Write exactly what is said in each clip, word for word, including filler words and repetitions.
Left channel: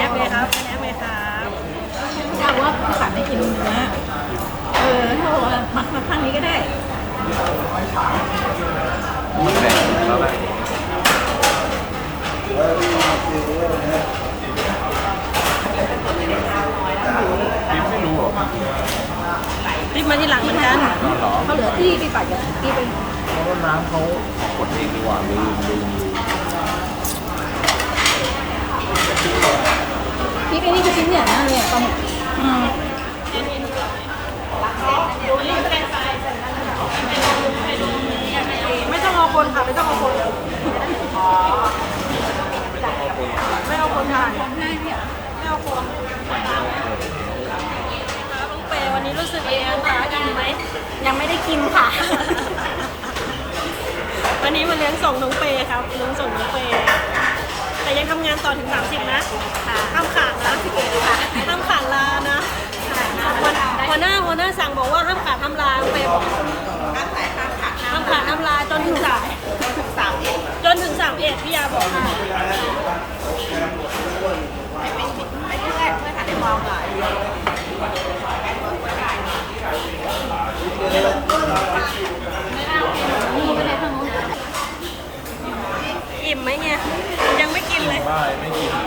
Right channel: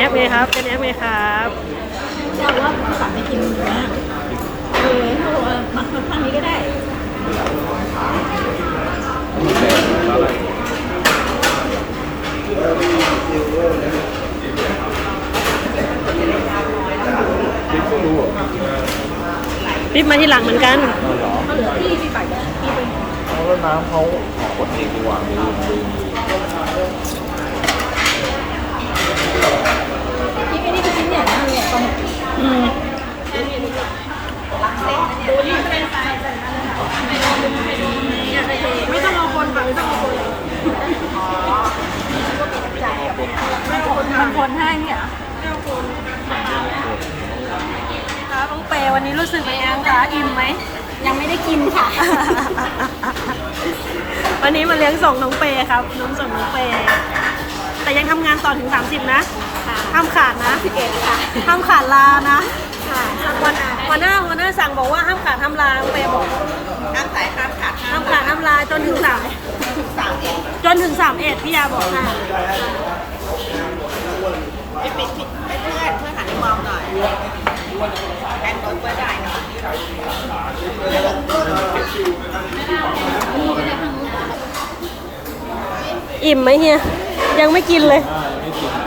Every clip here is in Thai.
ไงครับเป็นแอปไงครับถ้าว่าพี่สามไม่กินเนื้อเออถ้าว่ามันข้างนี้ก็ได้มันแดงตอนแรกคิดไม่รู้เหรอรีบมาที่หลังเหมือนกันเอาเหรอเขาเหลือที่พี่ปัดพี่ไปเพราะว่าน้ำเขาของผมเองดีกว่าลืมลืมลืมพี่ไปนี่คือชิ้นใหญ่มากเลยอ่ะอืมไม่ต้องเอาคนค่ะไม่ต้องเอาคนมันคนให้เนี่ยเหรอน้องเปวันนี้รู้สึกเป็นไงคะอิ่มไหมยังไม่ได้กินค่ะวันนี้มาเลี้ยงส่งน้องเปครับน้องส่งน้องเปแต่ยังทำงานต่อถึงสามสิบนะห้ามขาดนะสิบเอ็ดค่ะห้ามขาดลานะค่ะวันหัวหน้าหัวหน้าสั่งบอกว่าห้ามขาดห้ามลาน้องเปบอกห้ามสายห้ามขาดห้ามขาดห้ามลาจนถึงสามถึงสามเอ็ดจนถึงสามเอ็ดพี่ยาบอกค่ะไม่ปิดไม่เพื่อนเพื่อนหันไปมองหน่อยแกงรถไว้ได้หน่อยอิ่มไหมเฮียยังไม่กินเลยได้ไม่กิน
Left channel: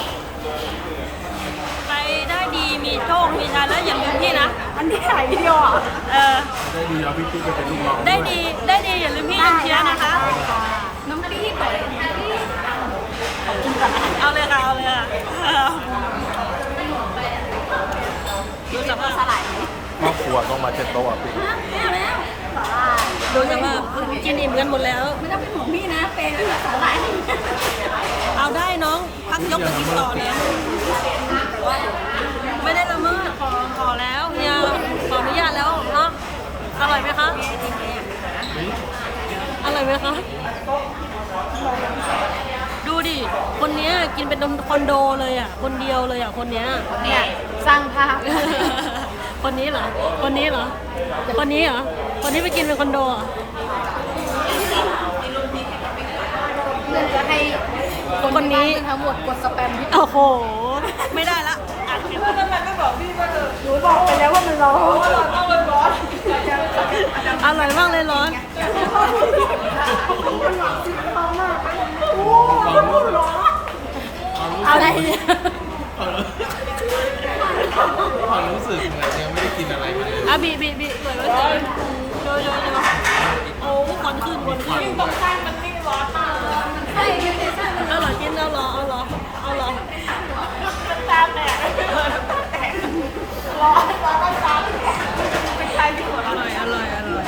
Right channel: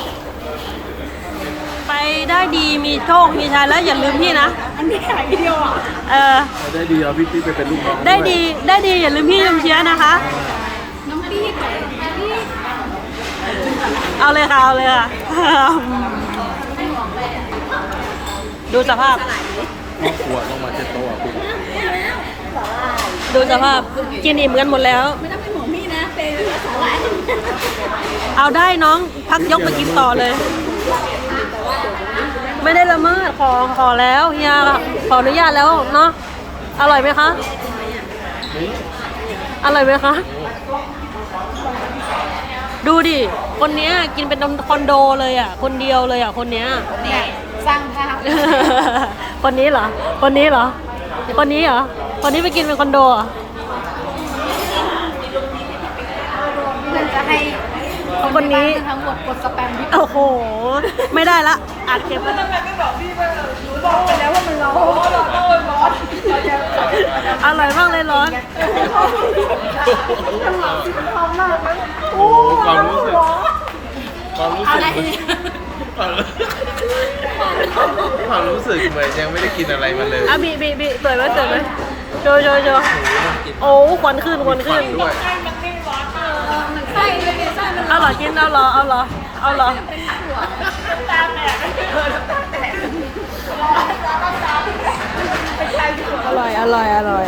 ไปได้ดีมีโชคมีชัยแล้วอย่าลืมพี่นะอันนี้ถ่ายวิดีโออ่ะเออเอาได้ดีเอาพี่ติ๊กไปเป็นลูกน้องได้วยดีได้ดีอย่าลืมพี่ลืมเชียร์นะคะน้องมาดีถ่ายถ่ายที่เอาเลยค่ะเอาเลยค่ะ ดูสภาพสลายครอบครัวต้องมาเช็ดโต๊ะอ่ะพี่สลายดูสภาพกินอิ่มกันหมดแล้วไม่ต้องเป็นห่วงพี่นะเฟย์ก็สลายเอาได้น้องพักยกไปกินต่อเลย ไม่ได้ละเมิดขอขอแล้วเฮียขออนุญาตแล้วเนาะอร่อยไหมคะอร่อยไหมคะดูดิคนเนี้ยกินเป็นคอนโดเลยอ่ะคนเดียวเลยอ่ะคนเนี้ยเนี่ยสร้างภาพคนนี้เหรอคนนี้เหรอคนนี้เหรอคนนี้ไปกินเป็นคอนโดเหรอเพื่อนจะให้คนนี้ทั้งหมดกดสแปมพี่โอ้โหไม่ได้ละอัดเก็บหนูบอกไปแล้วว่ามันร้อนร้อนอร่อยมากเลยร้อนโอ้ความรู้สึกความรู้สึกเหมือนความรู้สึกเหมือนยังไม่ได้กินอะไรมาเลยอ่ะบีบีบีสวยไหมสวยไหมโชว์โชว์โชว์โอ้ควันขึ้นควันขึ้นด้วยใช่เลยใช่มันเอาเหรอกินเอาเหรอเอาเหรอเอาเหรออร่อยอร่อยอร่อย